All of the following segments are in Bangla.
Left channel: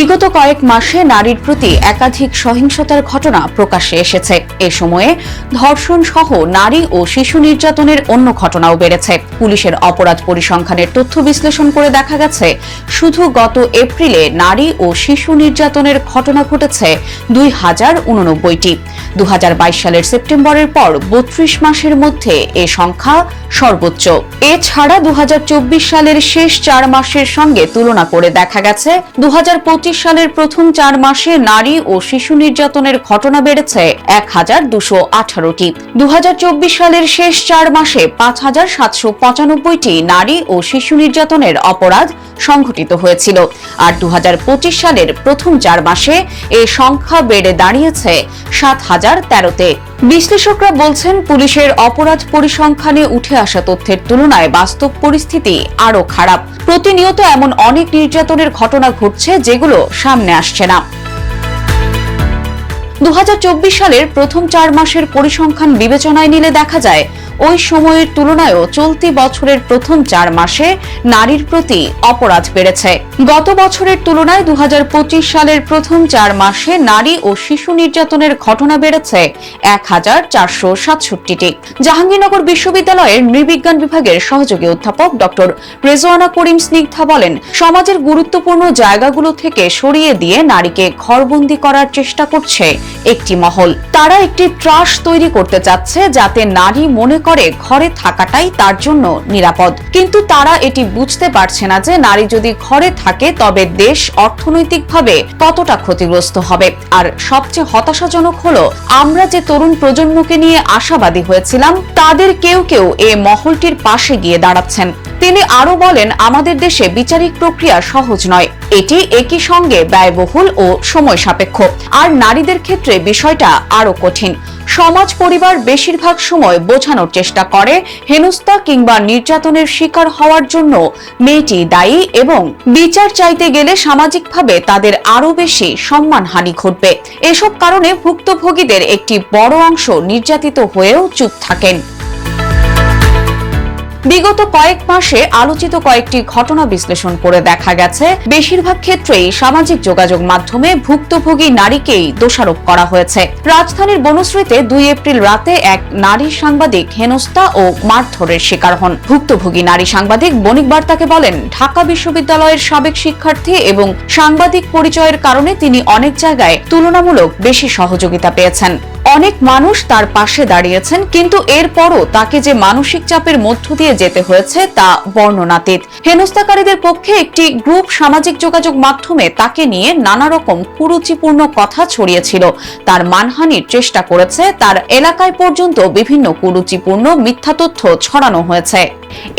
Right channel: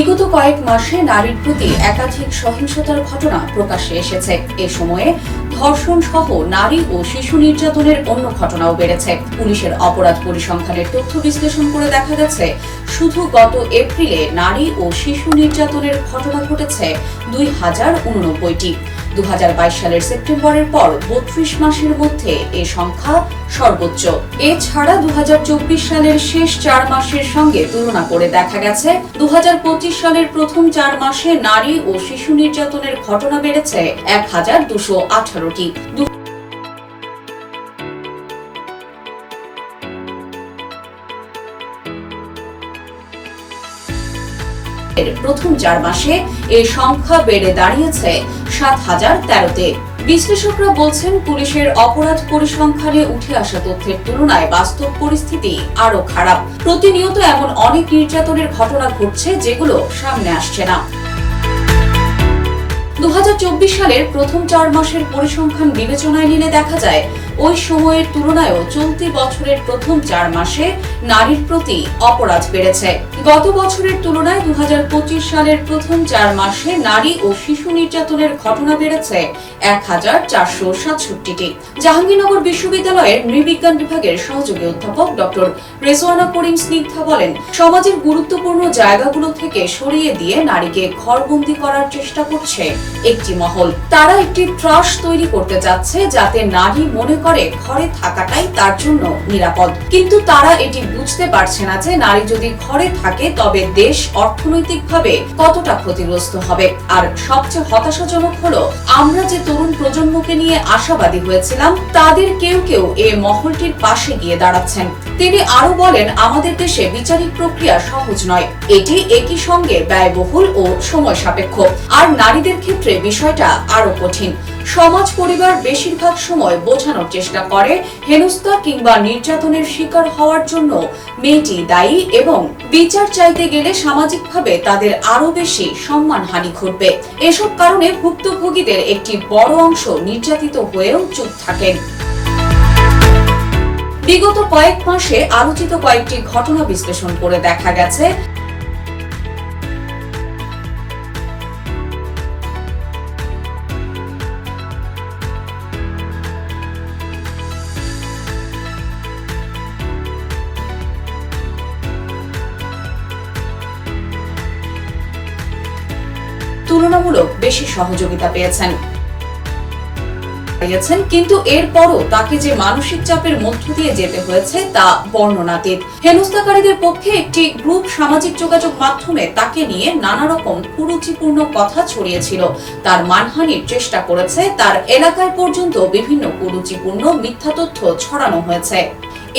বিগত কয়েক মাসে নারীর প্রতি একাধিক সহিংসতার ঘটনা প্রকাশ্যে এসেছে। এ সময়ে ধর্ষণ সহ নারী ও শিশু নির্যাতনের অন্য ঘটনাও বেড়েছে। পুলিশের অপরাধ পরিসংখ্যানের তথ্য বিশ্লেষণ করে দেখা গেছে, শুধু গত এপ্রিলে নারী ও শিশু নির্যাতনের ঘটনা ঘটেছে দুই হাজার উননব্বইটি। দু সালের সেপ্টেম্বরের পর বত্রিশ মাসের মধ্যে এ সংখ্যা সর্বোচ্চ। এছাড়া দু হাজার চব্বিশ সালের শেষ চার মাসের সঙ্গে তুলনা করে দেখা গেছে দু সালের প্রথম চার মাসে নারী ও শিশু নির্যাতনের ঘটনা বেড়েছে এক হাজার দুশো আঠারোটি। দু সালের শেষ চার মাসে পাঁচ হাজার সাতশো পঁচানব্বইটি নারী ও শিশু নির্যাতনের অপরাধ সংঘটিত হয়েছিল। আর দু হাজার পঁচিশ সালের প্রথম চার মাসে এই সংখ্যা বেড়ে দাঁড়িয়েছে সাত হাজার তেরোতে। বিশ্লেষকরা বলছেন, পুলিশের অপরাধ পরিসংখ্যানে উঠে আসা তথ্যের তুলনায় বাস্তব পরিস্থিতি আরও খারাপ। প্রতিনিয়ত এমন অনেক নির্যাতনের ঘটনা ঘটছে যেগুলো সামনে আসছে না। দু হাজার চব্বিশ সালের প্রথম চার মাসের পরিসংখ্যান বিবেচনায় নিলে দেখা যায় ওই সময়ের তুলনায়ও চলতি বছরের প্রথম চার মাসে নারীর প্রতি অপরাধ বেড়েছে। গত বছরের তুলনায় দু সালের প্রথম চার মাসে নারী ও শিশু নির্যাতনের ঘটনা বেড়েছে এক হাজার চারশো সাতষট্টিটি। জাহাঙ্গীরনগর বিশ্ববিদ্যালয়ের নৃবিজ্ঞান বিভাগের সহযোগী অধ্যাপক ডক্টর রেজওয়ানা করিম স্নিগ্ধা বলেন, সমাজের গুরুত্বপূর্ণ জায়গাগুলো থেকে সরিয়ে দিয়ে নারীকে ঘরবন্দি করার চেষ্টা করছে একটি মহল। তারা একটি ত্রাস তৈরি করতে চাচ্ছে যাতে নারী মনে করে ঘরে থাকাটাই তার জন্য নিরাপদ। কিন্তু তারা এটি বুঝতে পারছে না যে নারী যদি ঘরে থাকে, তবে দেশ অর্থনৈতিকভাবে কতটা ক্ষতিগ্রস্ত হবে। আর সবচেয়ে হতাশাজনক হলো, আমরা যে তরুণ প্রজন্মকে নিয়ে আশাবাদী হয়েছিলাম, তাদের কেউ কেউ এ মহলটির পাশে গিয়ে দাঁড়াচ্ছেন। তিনি আরও বলেন, আমাদের দেশে বিচারিক প্রক্রিয়া সহজ নয়। এটি একই সঙ্গে ব্যয়বহুল ও সময় সাপেক্ষ। আর নারীদের ক্ষেত্রে বিষয়টা আরও কঠিন। সমাজ পরিবার বেশিরভাগ সময় বোঝানোর চেষ্টা করে। হেনস্থা কিংবা নির্যাতনের শিকার হওয়ার জন্য মেয়েটি দায়ী এবং বিচার চাইতে গেলে সামাজিকভাবে তাদের আরও বেশি সম্মানহানি ঘটবে। এসব কারণে ভুক্তভোগীদের একটি বড় অংশ নির্যাতিত হয়েও চুপ থাকেন। বিগত কয়েক মাসে আলোচিত কয়েকটি ঘটনা বিশ্লেষণ করে দেখা গেছে। বেশিরভাগ ক্ষেত্রেই সামাজিক যোগাযোগ মাধ্যমে ভুক্তভোগী নারীকেই দোষারোপ করা হয়েছে। রাজধানীর বনশ্রীতে দুই এপ্রিল রাতে এক নারী সাংবাদিক হেনস্থা ও মারধরের শিকার হন। ভুক্তভোগী নারী সাংবাদিক বণিক বার্তাকে বলেন, ঢাকা বিশ্ববিদ্যালয়ের সাবেক শিক্ষার্থী এবং সাংবাদিক পরিচয়ের কারণে তিনি অনেক জায়গায় তুলনামূলক বেশি সহযোগিতা পেয়েছেন। অনেক মানুষ তার পাশে দাঁড়িয়েছেন, কিন্তু এরপরও তাকে যে মানসিক চাপের মধ্য দিয়ে যেতে হয়েছে তা বর্ণনাতীত। হেনস্থাকারীদের পক্ষে একটি গ্রুপ সামাজিক যোগাযোগ মাধ্যমে তাকে নিয়ে নানা রকম কুরুচিপূর্ণ কথা ছড়িয়েছিল। তার মানহানির চেষ্টা করেছে, তার এলাকায় পর্যন্ত বিভিন্ন কুরুচিপূর্ণ মিথ্যা তথ্য ছড়ানো হয়েছে।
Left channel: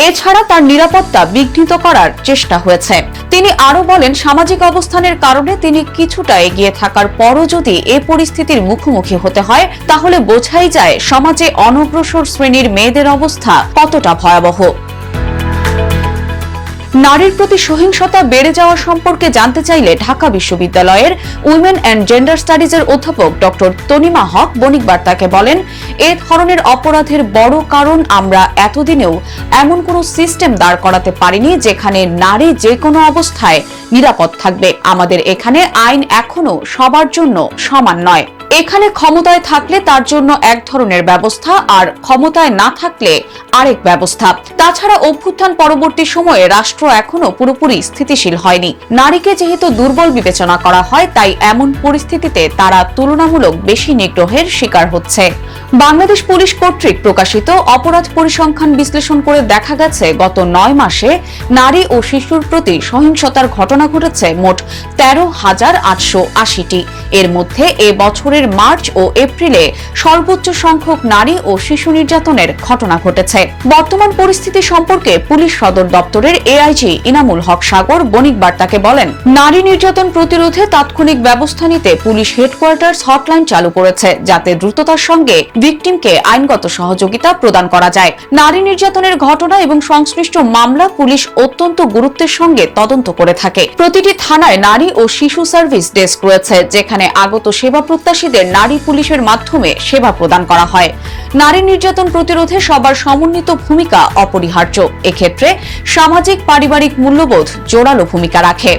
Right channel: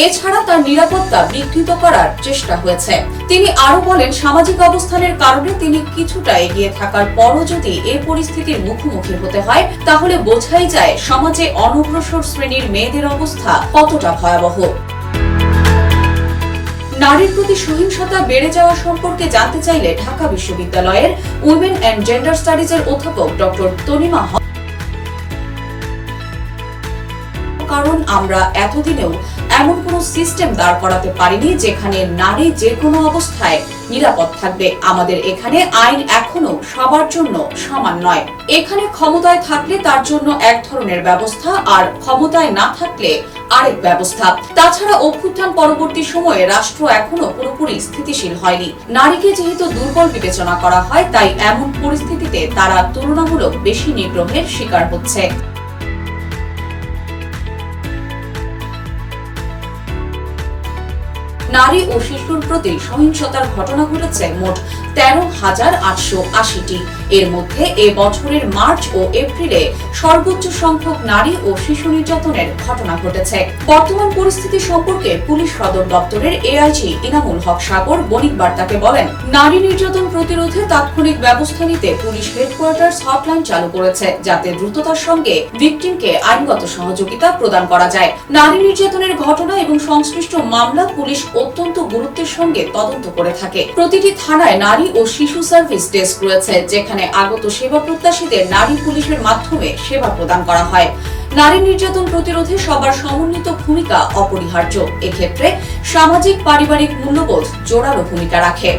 এছাড়া তার নিরাপত্তা বিঘ্নিত করার চেষ্টা হয়েছে। তিনি আরও বলেন, সামাজিক অবস্থানের কারণে তিনি কিছুটা এগিয়ে থাকার পরও যদি এ পরিস্থিতির মুখোমুখি হতে হয়, তাহলে বোঝাই যায় সমাজে অনগ্রসর শ্রেণির মেয়েদের অবস্থা কতটা ভয়াবহ। নারীর প্রতি সহিংসতা বেড়ে যাওয়া সম্পর্কে জানতে চাইলে ঢাকা বিশ্ববিদ্যালয়ের উইমেন অ্যান্ড জেন্ডার স্টাডিজের অধ্যাপক ডক্টর তনিমা হক বণিক বার্তাকে বলেন, এ ধরনের অপরাধের বড় কারণ আমরা এতদিনেও এমন কোন সিস্টেম দাঁড় করাতে পারিনি যেখানে নারী যে কোনো অবস্থায় নিরাপদ থাকবে আমাদের এখানে আইন এখনও সবার জন্য সমান নয়। এখানে ক্ষমতায় থাকলে তার জন্য এক ধরনের ব্যবস্থা আর ক্ষমতায় না থাকলে আরেক ব্যবস্থা। তাছাড়া অভ্যুত্থান পরবর্তী সময়ে রাষ্ট্র এখনও পুরোপুরি স্থিতিশীল হয়নি। নারীকে যেহেতু দুর্বল বিবেচনা করা হয়, তাই এমন পরিস্থিতিতে তারা তুলনামূলক বেশি নিগ্রহের শিকার হচ্ছে। বাংলাদেশ পুলিশ কর্তৃক প্রকাশিত অপরাধ পরিসংখ্যান বিশ্লেষণ করে দেখা গেছে, গত নয় মাসে নারী ও শিশুর প্রতি সহিংসতার ঘটনা ঘটেছে মোট তেরো হাজার আটশো আশিটি। এর মধ্যে এ বছরের মার্চ ও এপ্রিলে সর্বোচ্চ সংখ্যক নারী ও শিশু নির্যাতনের ঘটনা ঘটেছে। বর্তমান পরিস্থিতি সম্পর্কে পুলিশ সদর দপ্তরের এআইজি ইনামুল হক সাগর বণিক বার্তাকে বলেন, নারী নির্যাতন প্রতিরোধে তাৎক্ষণিক ব্যবস্থা নিতে পুলিশ হেডকোয়ার্টার্স হটলাইন চালু করেছে, যাতে দ্রুততার সঙ্গে ভিকটিমকে আইনগত সহযোগিতা প্রদান করা যায়। নারী নির্যাতনের ঘটনা এবং সংশ্লিষ্ট মামলা পুলিশ অত্যন্ত গুরুত্বের সঙ্গে তদন্ত করে থাকে। প্রতিটি থানায় নারী ও শিশু সার্ভিস ডেস্ক রয়েছে, যেখানে আগত সেবা প্রত্যাশীদের নারী পুলিশের মাধ্যমে সেবা প্রদান করা হয়। নারী নির্যাতন প্রতিরোধে সবার সমন্বিত ভূমিকা অপরিহার্য। এক্ষেত্রে সামাজিক, পারিবারিক মূল্যবোধ জোরালো ভূমিকা রাখে।